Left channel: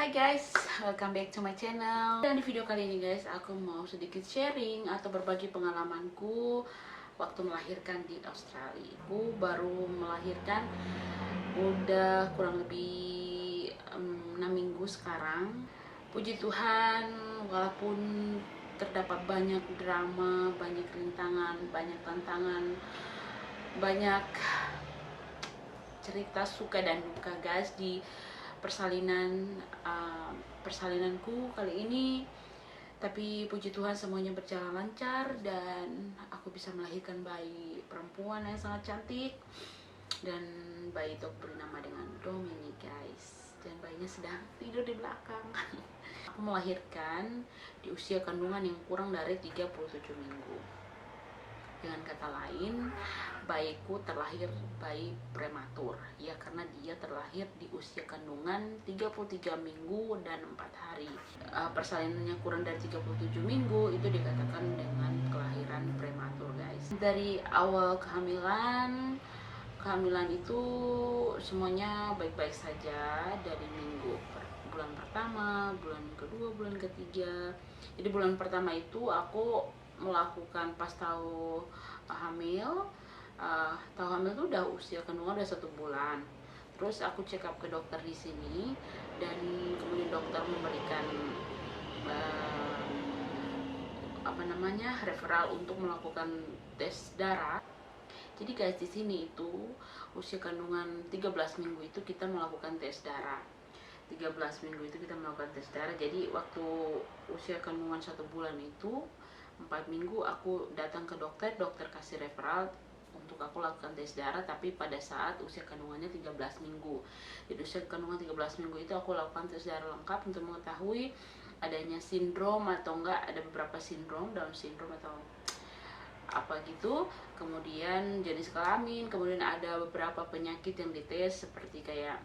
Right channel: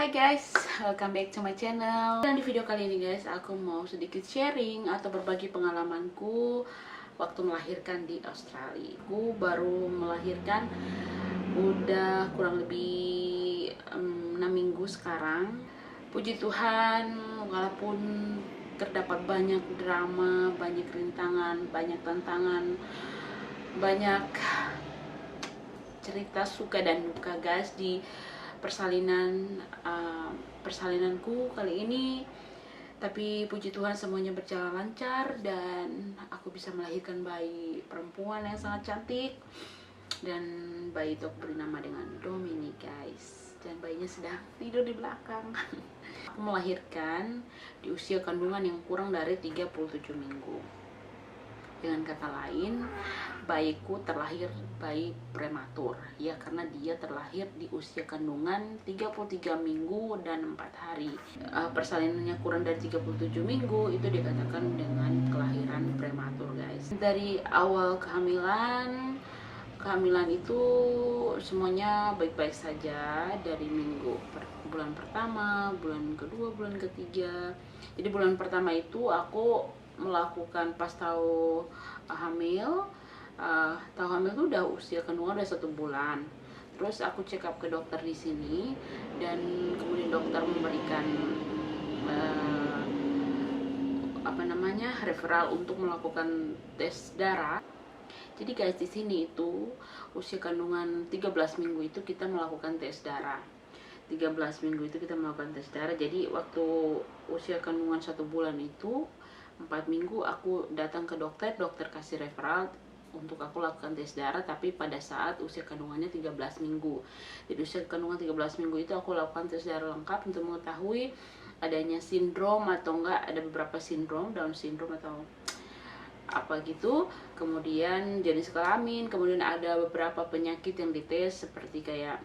Hai guys, welcome back to my channel. Dan di video kali ini guys, aku mau sedikit sharing atau berbagi pengalamanku waktu melahirkan di Australia. Aku baru melahirkan udah kurang lebih 6 minggu sekarang. Puji Tuhan, walaupun terdapat banyak drama, banyak rintangan, banyak tantangan, banyak cerita suka dan duka guys di persalinanku kali ini, tapi puji Tuhan semuanya berjalan lancar dan aku bisa melahirkan bayi perempuan yang sangat cantik. Dan bayi itu aku beri nama dengan Dominic guys, dan bayinya sedang tidur di belakang. Aku melahirkan di usia kandungan yang kurang dari 37 minggu. Dengan kata lain, bayiku terlahir bayi prematur, ya, karena dia terlahir di usia kandungan 33 minggu dan 4 hari. Persalinannya kurang dari 37 minggu itu dikatakan dengan kelahiran prematur guys. Dari awal kehamilan itu semuanya baik-baik saja, dari bulan pertama, bulan kedua, bulan ketiga. Jadi bulan pertama itu aku melakukan pas tahu hamil. Tahu hamil itu udah usia kandungan udah 1 bulan. Terus aku check up ke dokter di sini, dan kemudian dokter memberikan referral untuk melakukan tes darah. Jadi guys, di sini itu usia kandungan 13 minggu itu kita melakukan tes darah. 13 minggu itu kita melakukan tes darah. Jadi waktu usia kandungan 1 bulan itu 4 minggu aku datang ke dokter kasih referral untuk aku lakukan tes darah, tapi pada saat usia kandungannya 13 minggu. Jadi usia kandungan 13 minggu itu aku lakukan tes darah lengkap untuk mengetahui adanya sindrom atau enggak, ada beberapa sindrom, Down syndrome atau apa gitu, kemudian jenis kelamin, kemudian ada beberapa penyakit yang dites seperti kayak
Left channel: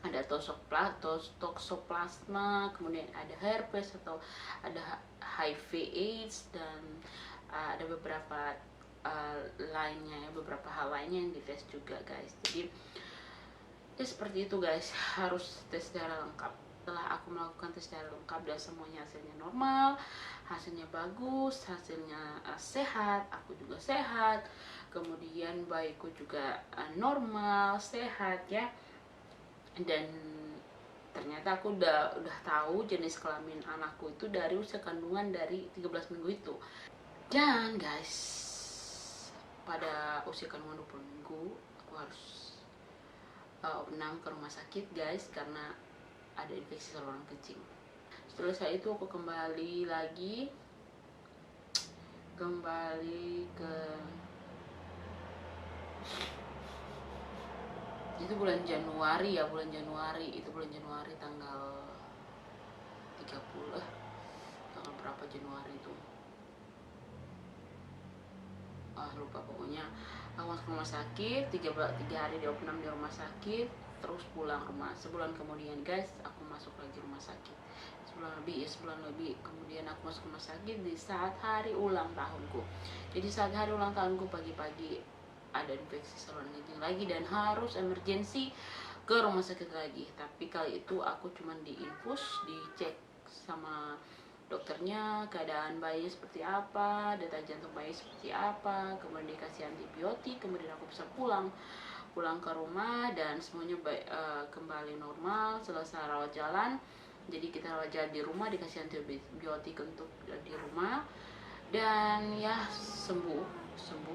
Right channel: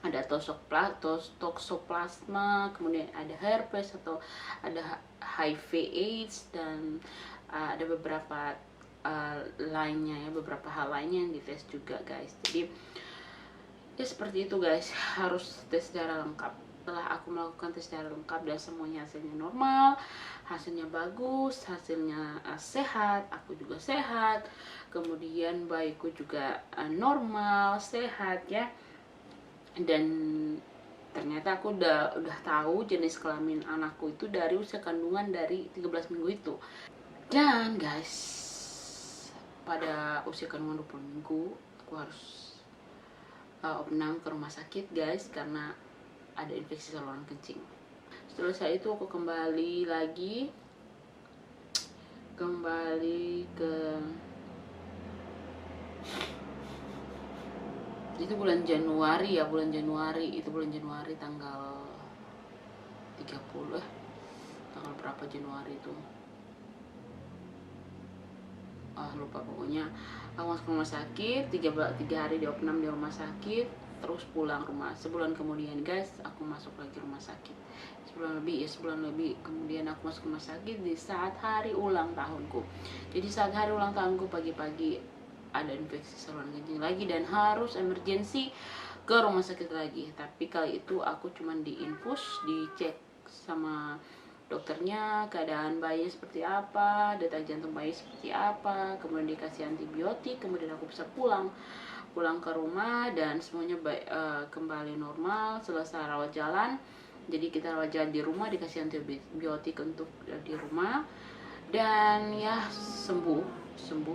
ada toxoplasma, kemudian ada herpes atau ada HIV/AIDS, dan ada beberapa lainnya ya, beberapa hal lainnya yang dites juga guys. Jadi ya seperti itu guys, harus tes darah lengkap. Setelah aku melakukan tes darah lengkap dan semuanya hasilnya normal, hasilnya bagus, hasilnya sehat, aku juga sehat, kemudian bayiku juga normal, sehat ya. Dan ternyata aku udah tahu jenis kelamin anakku itu dari usia kandungan dari 13 minggu itu. Dan guys, pada usia kandungan 20 minggu aku harus opnam ke rumah sakit guys, karena ada infeksi saluran kencing. Setelah itu aku kembali ke itu bulan Januari tanggal 30, tanggal berapa Januari itu, lupa pokoknya. Aku masuk rumah sakit, 3 hari di opnam di rumah sakit, terus pulang rumah. Sebulan kemudian guys, aku masuk lagi rumah sakit. Sebulan lebih kemudian aku masuk rumah sakit di saat hari ulang tahunku. Jadi saat hari ulang tahunku pagi-pagi ada infeksi saluran kencing lagi dan harus emergensi ke rumah sakit lagi. Tapi kali itu aku cuman diinfus, dicek sama dokternya keadaan bayi seperti apa, detak jantung bayi seperti apa, kemudian dikasih antibiotik, kemudian aku bisa pulang ke rumah dan semuanya kembali normal. Selesai rawat jalan, jadi kita rawat jalan di rumah, dikasih antibiotik untuk di rumah, dan ya sembuh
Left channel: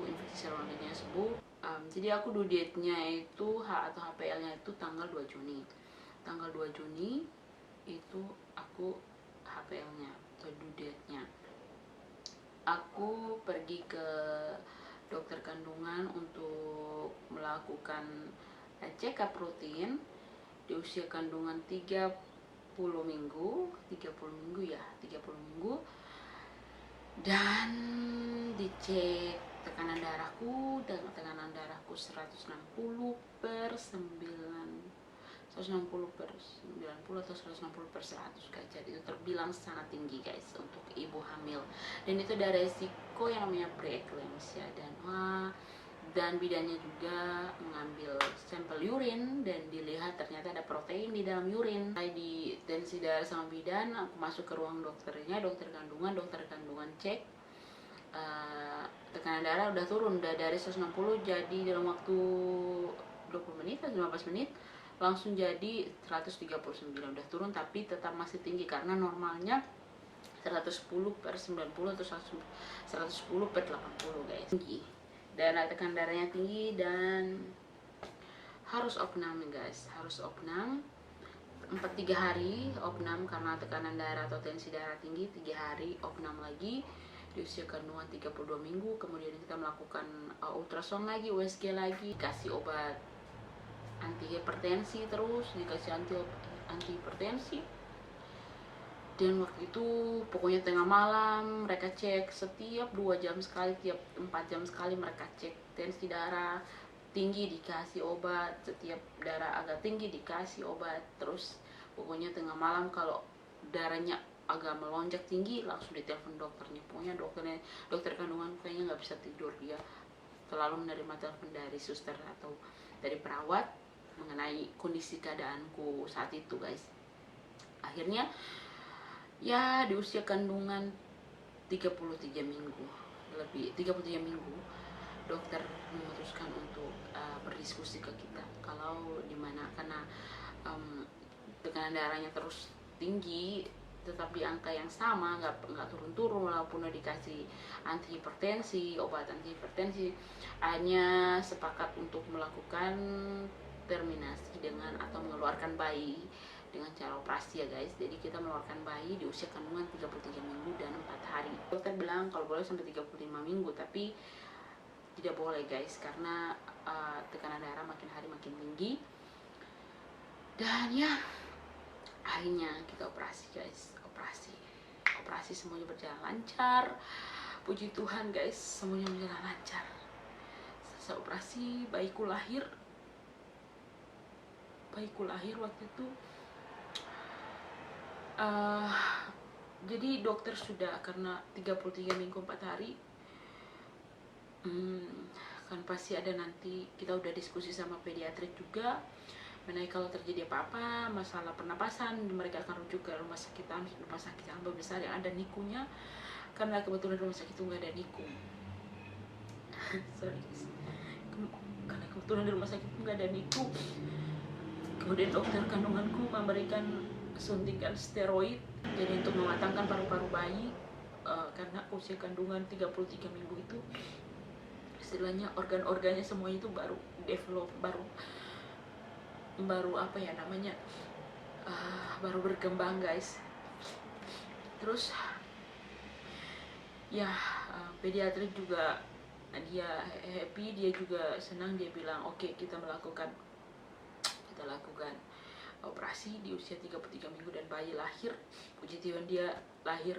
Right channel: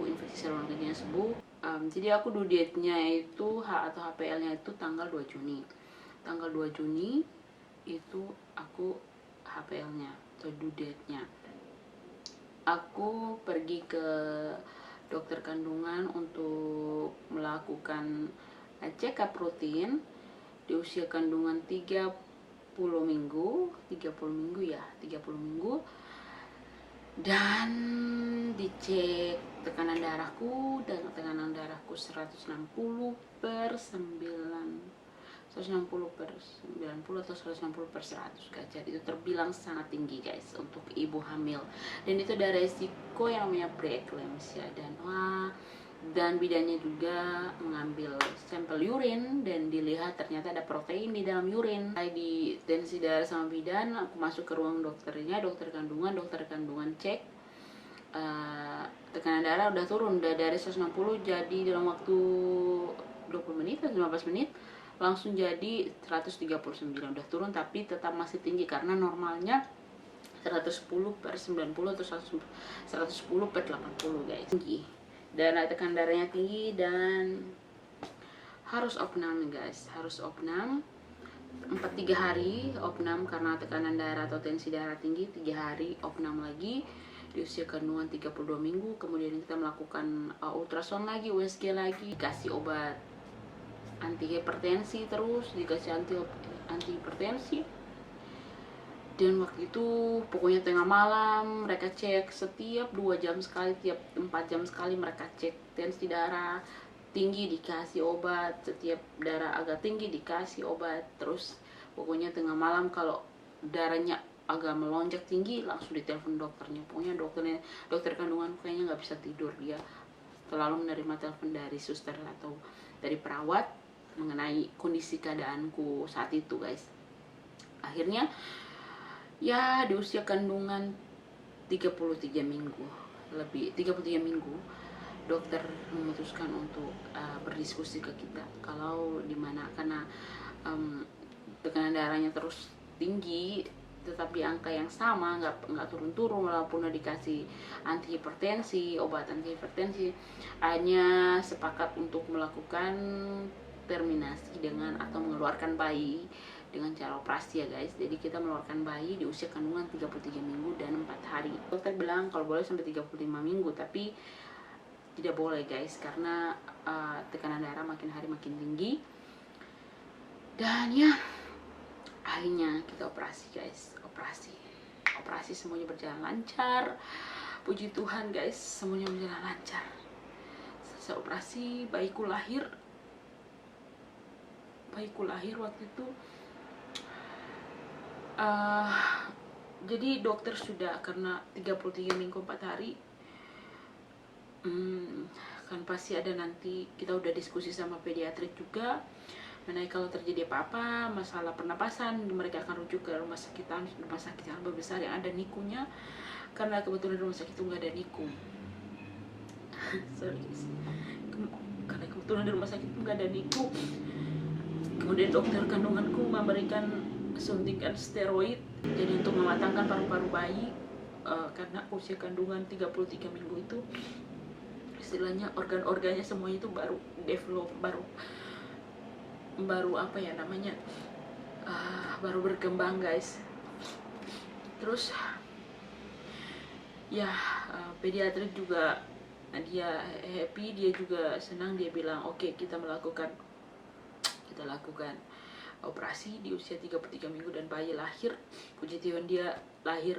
infeksi saluran kencingnya sembuh. Jadi aku due date-nya itu atau HPL-nya itu tanggal 2 Juni. Tanggal 2 Juni itu aku HPL-nya atau due date-nya. Aku pergi ke dokter kandungan untuk melakukan check up rutin di usia kandungan 30 minggu dan dicek tekanan darahku, 160/90 atau 160/100 guys. Jadi itu terbilang sangat tinggi guys untuk ibu hamil, dan itu ada resiko yang namanya preeclampsia. Dan Dan bidannya juga mengambil sampel urin dan dilihat ternyata ada protein di dalam urin. Di tensi darah sama bidan, aku masuk ke ruang dokternya, dokter kandungan cek, tekanan darah udah turun, udah dari 160 jadi dalam waktu 20 menit atau 15 menit langsung jadi 139, udah turun tapi tetap masih tinggi karena normalnya 110/90 atau 110/80 guys, tinggi. Dan tekanan darahnya tinggi dan harus opnam guys, harus opnam 3 hari opnam karena tekanan darah atau tensi darah tinggi. 3 hari opnam lagi di usia kandungan 32 minggu. Kemudian kita melakukan ultrasound lagi, USG lagi, dikasih obat anti hipertensi, terus dikasih anti hipertensi. Dan waktu itu pokoknya tengah malam mereka cek setiap 2 jam sekali, tiap 4 jam sekali mereka cek tensi darah tinggi dikasih obat, setiap darah agak tinggi dikasih obat. Terus pokoknya tengah malam kalau darahnya agak melonjak tinggi langsung ditelepon dokternya. Pokoknya dokter kandungan kayaknya nggak bisa tidur, dia selalu menerima telepon dari suster atau dari perawat mengenai kondisi keadaanku saat itu guys. Akhirnya ya di usia kandungan 33 minggu, lebih 33 minggu, dokter memutuskan untuk berdiskusi ke kita kalau dimana karena tekanan darahnya terus tinggi tetap di angka yang sama, nggak turun-turun walaupun udah dikasih anti hipertensi, obat anti hipertensi. Hanya sepakat untuk melakukan terminasi dengan atau mengeluarkan bayi dengan cara operasi ya guys. Jadi kita mengeluarkan bayi di usia kandungan 33 minggu dan 4 hari. Dokter bilang kalau boleh sampai 35 minggu, tapi tidak boleh guys karena tekanan darah makin hari makin tinggi. Dan ya akhirnya kita operasi guys, operasi semuanya berjalan lancar, puji Tuhan guys, semuanya berjalan lancar. Selesai operasi, bayiku lahir waktu itu. Jadi dokter sudah, karena 33 minggu 4 hari kan pasti ada, nanti kita udah diskusi sama pediatrik juga mengenai kalau terjadi apa-apa masalah pernapasan, mereka akan rujuk ke rumah sakit yang lebih besar yang ada NICU-nya, karena kebetulan rumah sakit itu nggak ada NICU. Sorry guys, karena kebetulan di rumah sakit itu nggak ada NICU. Kemudian dokter kandunganku memberikan suntikan steroid jadi untuk mematangkan paru-paru bayi, karena usia kandungan 33 minggu itu istilahnya organ-organnya semuanya itu baru develop, baru apa ya namanya, baru berkembang guys. Terus ya pediatrik juga dia happy, dia juga senang, dia bilang oke, kita lakukan operasi di usia 33 minggu dan bayi lahir. Puji Tuhan dia lahir,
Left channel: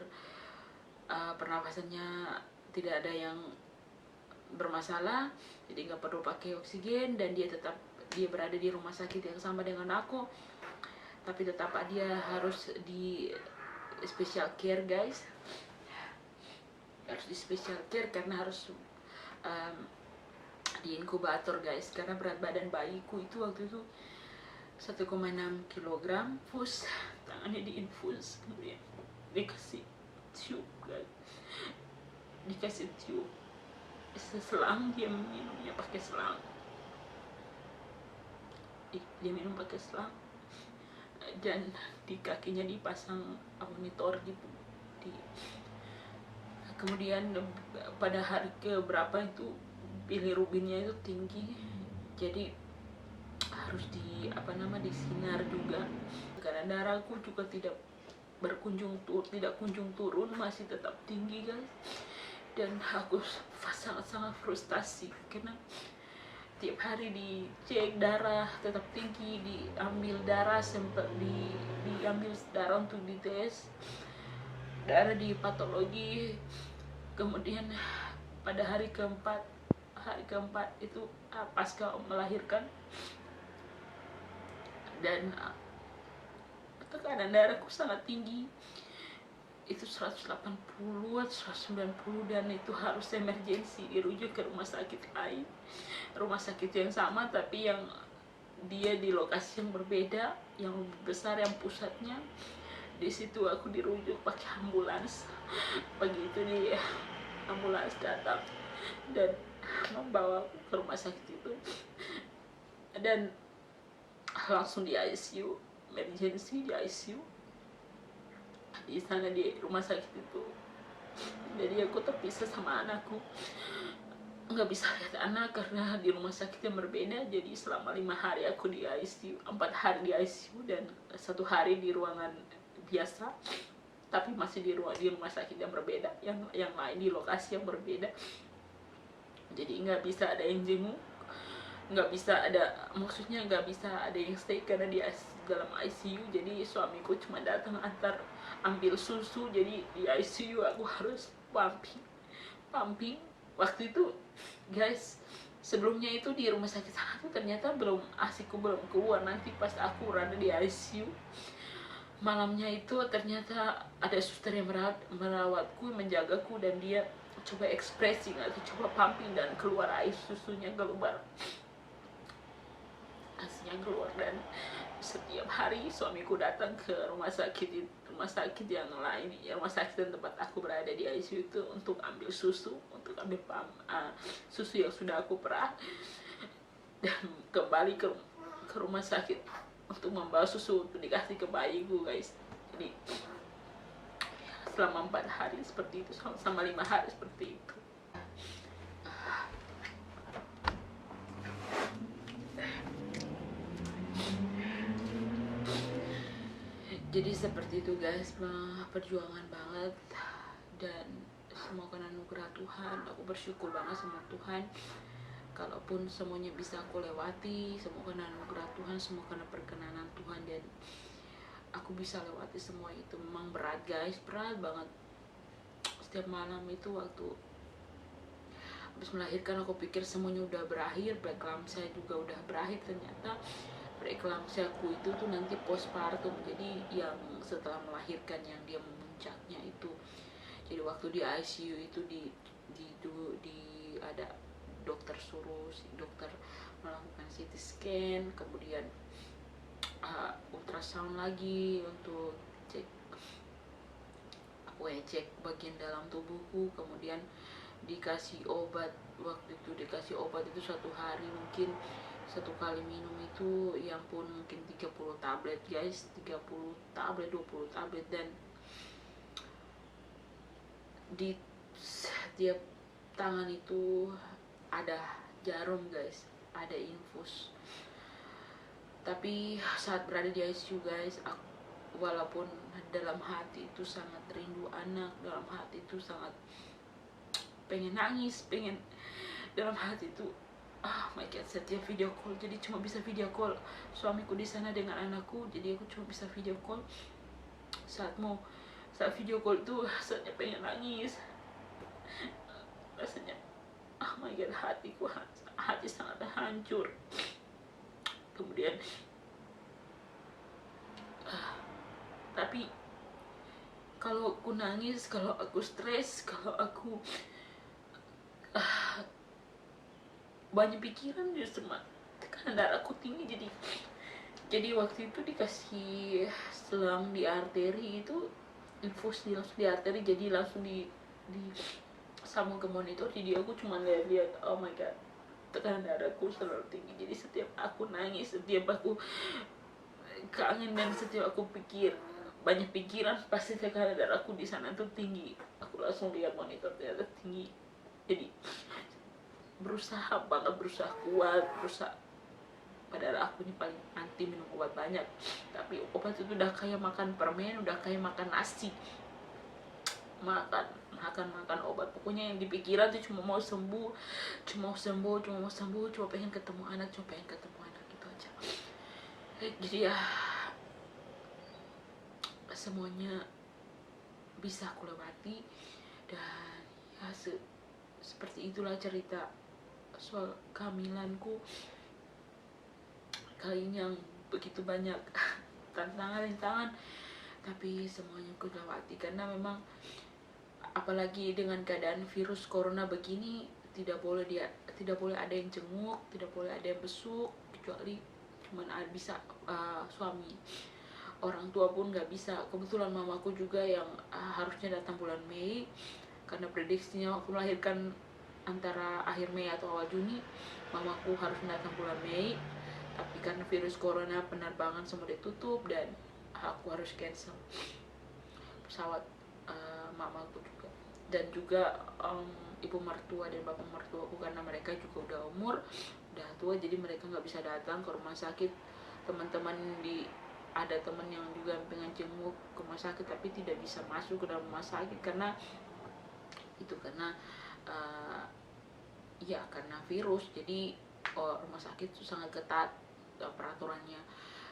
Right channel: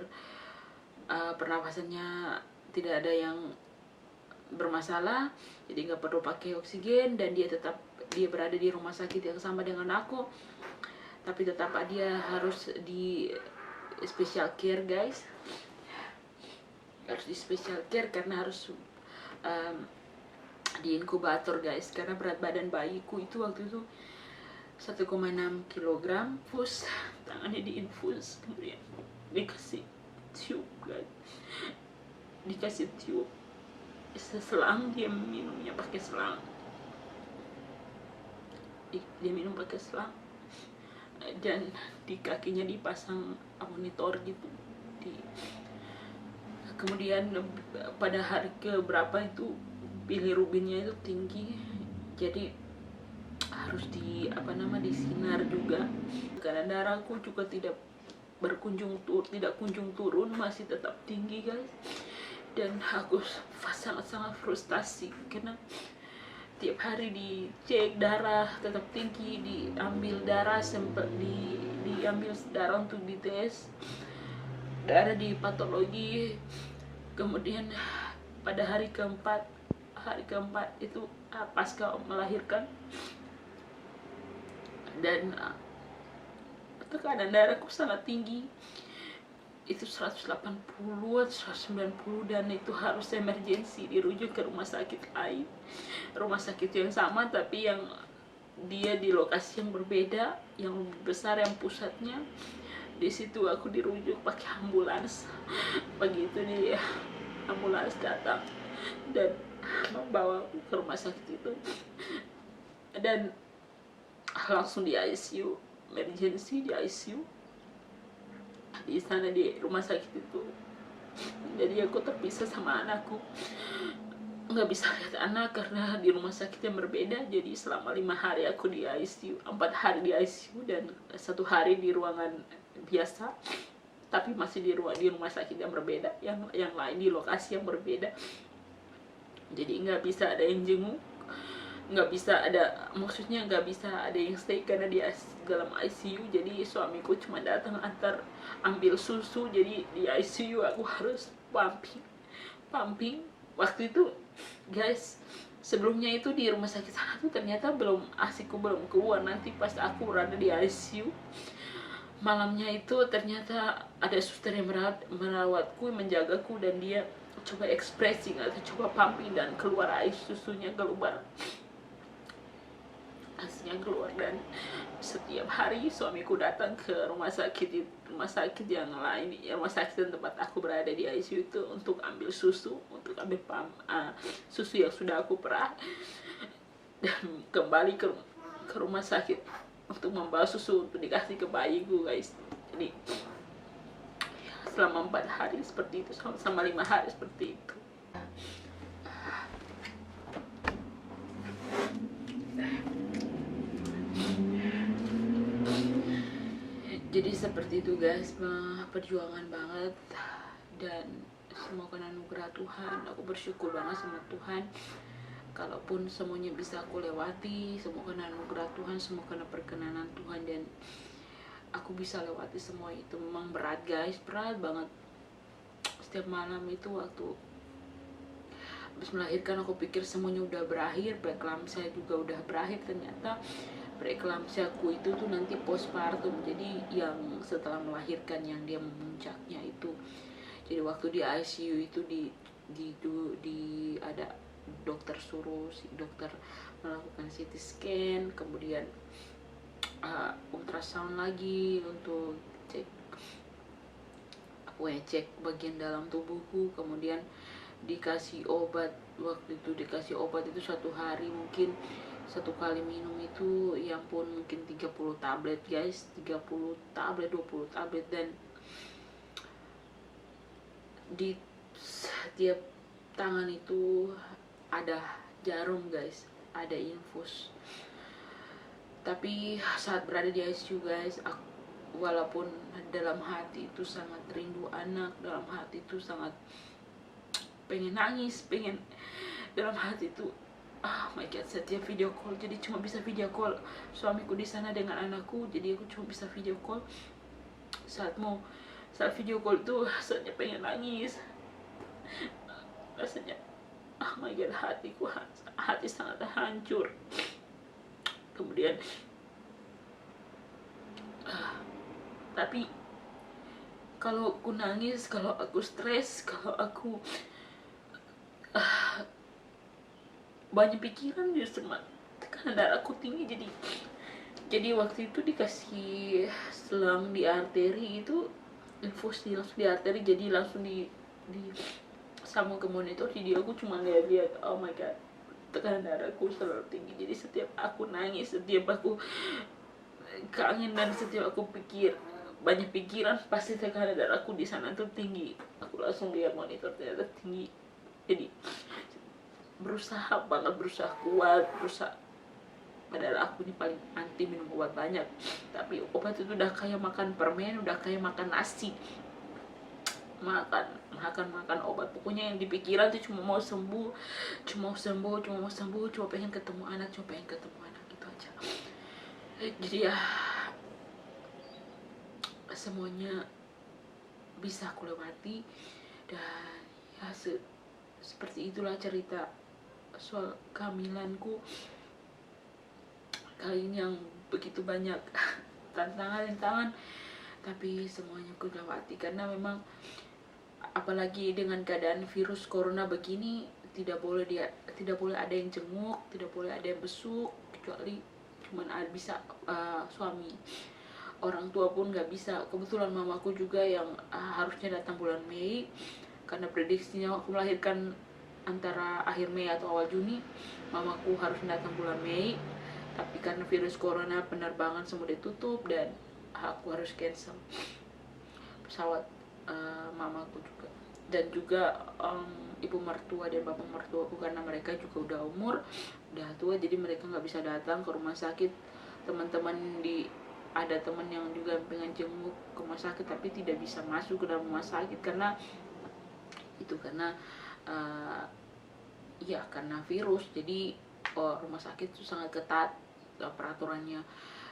pernapasannya tidak ada yang bermasalah, jadi nggak perlu pakai oksigen, dan dia berada di rumah sakit yang sama dengan aku, tapi tetap dia harus di special care guys, harus di special care karena harus di inkubator guys, karena berat badan bayiku itu waktu itu 1,6 kg, infus, tangannya diinfus, kemudian dikasih tube guys, dikasih tube seselang, dia minumnya pakai selang, dia minum pakai selang, dan di kakinya dipasang monitor gitu. Kemudian pada hari keberapa itu bilirubinnya itu tinggi, jadi harus disinar juga. Karena darahku juga tidak kunjung turun, masih tetap tinggi guys. Dan aku sangat frustasi karena tiap hari dicek darah tetap tinggi, diambil darah diambil darah untuk dites darah di patologi. Kemudian pada hari keempat itu pasca melahirkan, dan tekanan darahku sangat tinggi, itu 180 atau 190, dan itu harus emergensi dirujuk ke rumah sakit lain, rumah sakit yang sama tapi yang dia di lokasi yang berbeda, yang lebih besar, yang pusatnya di situ. Aku dirujuk pakai ambulans. Begitu dia ambulans datang dan membawa aku ke rumah sakit itu, dan langsung di ICU, emergency di ICU di sana di rumah sakit itu. Jadi aku terpisah sama anakku, nggak bisa lihat anak karena di rumah sakit yang berbeda. Jadi selama 5 hari aku di ICU, 4 hari di ICU dan 1 hari di ruangan biasa, tapi masih di rumah sakit yang berbeda, yang lain di lokasi yang berbeda. Jadi nggak bisa ada yang jenguk, nggak bisa ada, maksudnya nggak bisa ada yang stay karena di dalam ICU. Jadi suamiku cuma datang antar ambil susu. Jadi di ICU aku harus pumping waktu itu guys. Sebelumnya itu di rumah sakit sana tuh ternyata asikku belum keluar. Nanti pas aku berada di ICU malamnya itu ternyata ada suster yang merawatku, menjagaku, dan dia coba ekspresi atau coba pumping dan keluar air susunya, keluar aslinya keluar. Dan setiap hari suamiku datang ke rumah sakit yang lain, rumah sakit tempat aku berada di ICU itu, untuk ambil susu, untuk ambil susu yang sudah aku perah, dan kembali ke rumah sakit untuk membawa susu untuk dikasih ke bayiku guys. Jadi selama 4 hari seperti itu, sama 5 hari seperti itu. Jadi seperti itu guys, perjuangan banget, dan semoga anugerah Tuhan. Aku bersyukur banget sama Tuhan, kalaupun semuanya bisa aku lewati, semoga anugerah Tuhan, semoga perkenanan Tuhan, dan aku bisa lewati semua itu. Memang berat guys, berat banget. Setiap malam itu waktu habis melahirkan aku pikir semuanya udah berakhir, preeklamsia juga udah berakhir. Ternyata preeklamsiaku itu tuh nanti postpartum, jadi yang setelah melahirkan, yang dia memuncaknya itu. Jadi waktu di ICU itu di ada dokter suruh si dokter melakukan CT scan, kemudian ultrasound lagi untuk cek bagian dalam tubuhku, kemudian dikasih obat. Waktu itu dikasih obat itu 1 hari mungkin 1 kali minum itu, ya ampun, mungkin 30 tablet guys, 30 tablet, 20 tablet. Dan di setiap tangan itu ada jarum guys, ada infus. Tapi saat berada di ICU guys, walaupun dalam hati itu sangat rindu anak, dalam hati itu sangat pengen nangis, dalam hati itu oh my god, setiap video call, jadi cuma bisa video call suamiku di sana dengan anakku. Jadi aku cuma bisa video call. Saat video call itu rasanya pengen nangis, rasanya oh my god, hati sangat hancur. Kemudian tapi kalau aku nangis, kalau aku stres, kalau aku banyak pikiran, justru tekanan darahku tinggi. Jadi waktu itu dikasih selang di arteri itu, infus langsung di arteri, jadi langsung di sambung ke monitor. Jadi aku cuma lihat oh my god, tekanan darahku selalu tinggi. Jadi setiap aku nangis, setiap aku kangen, dan setiap aku banyak pikiran, pasti tekanan darahku di sana tuh tinggi. Aku langsung lihat monitor, ternyata tinggi. Jadi berusaha kuat, padahal aku ini paling anti minum obat banyak, tapi obat itu udah kayak makan permen, udah kayak makan nasi, makan obat. Pokoknya yang di pikiran tuh cuma mau sembuh, cuma pengen ketemu anak gitu aja. Jadi ya semuanya bisa aku lewati, dan ya seperti itulah cerita soal kehamilanku kali ini, yang begitu banyak tantangan tapi semuanya aku lewati karena memang apalagi dengan keadaan virus corona begini tidak boleh ada yang jenguk, tidak boleh ada yang besuk, kecuali cuman bisa suami. Orang tua pun nggak bisa. Kebetulan mamaku juga yang harusnya datang bulan Mei, karena prediksinya aku melahirkan antara akhir Mei atau awal Juni. Mamaku harus datang bulan Mei, tapi karena virus corona penerbangan semua ditutup dan aku harus cancel pesawat mamaku juga. Dan juga ibu mertua dan bapak mertuaku, karena mereka juga udah udah tua, jadi mereka nggak bisa datang ke rumah sakit. Teman-teman ada teman yang juga pengen jenguk ke rumah sakit tapi tidak bisa masuk ke dalam rumah sakit karena ya karena virus. Jadi rumah sakit itu sangat ketat peraturannya.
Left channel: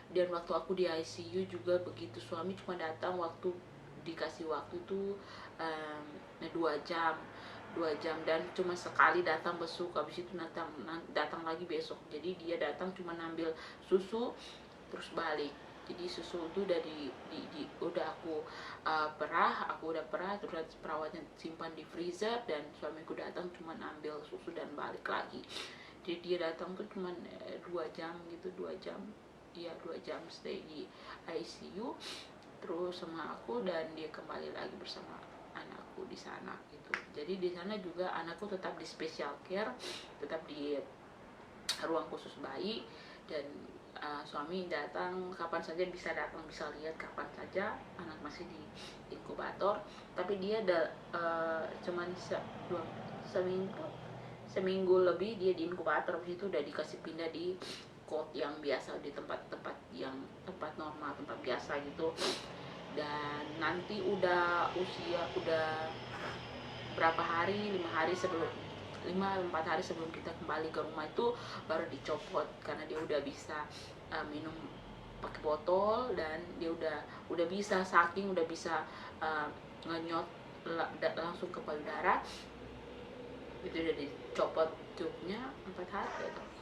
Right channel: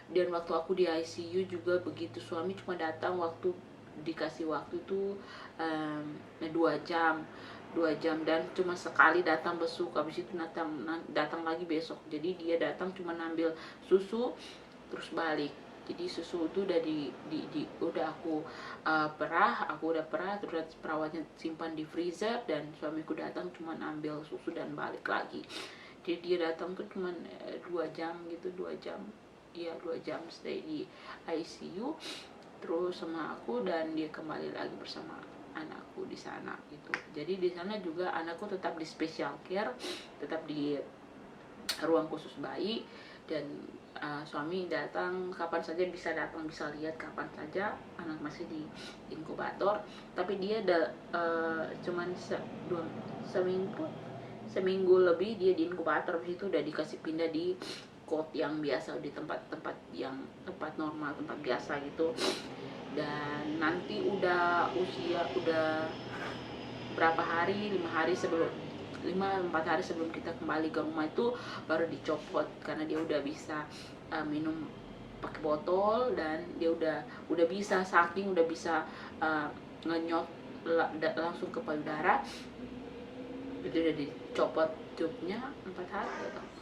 Dan waktu aku di ICU juga begitu, suami cuma datang waktu dikasih waktu itu 2 jam dan cuma sekali datang besuk, habis itu datang lagi besok. Jadi dia datang cuma ngambil susu terus balik. Jadi susu itu udah udah aku udah perah, terus perawatnya simpan di freezer, dan suamiku datang cuma ambil susu dan balik lagi. Jadi dia datang tuh cuma 2 jam gitu, 2 jam, ya 2 jam stay di ICU terus sama aku, dan dia kembali lagi bersama anakku di sana gitu. Jadi di sana juga anakku tetap di special care, tetap di ruang khusus bayi, dan suami datang kapan saja, bisa datang, bisa lihat kapan saja. Anak masih di inkubator, tapi dia cuman seminggu lebih dia di inkubator. Habis itu udah dikasih pindah di kot yang biasa, di tempat normal, tempat biasa gitu. Dan nanti udah berapa hari, 4 hari sebelum kita kembali ke rumah itu baru dicopot, karena dia udah bisa minum pakai botol, dan dia udah bisa saking udah bisa ngenyot langsung ke payudara. Itu udah dicopot tubnya 4 hari gitu.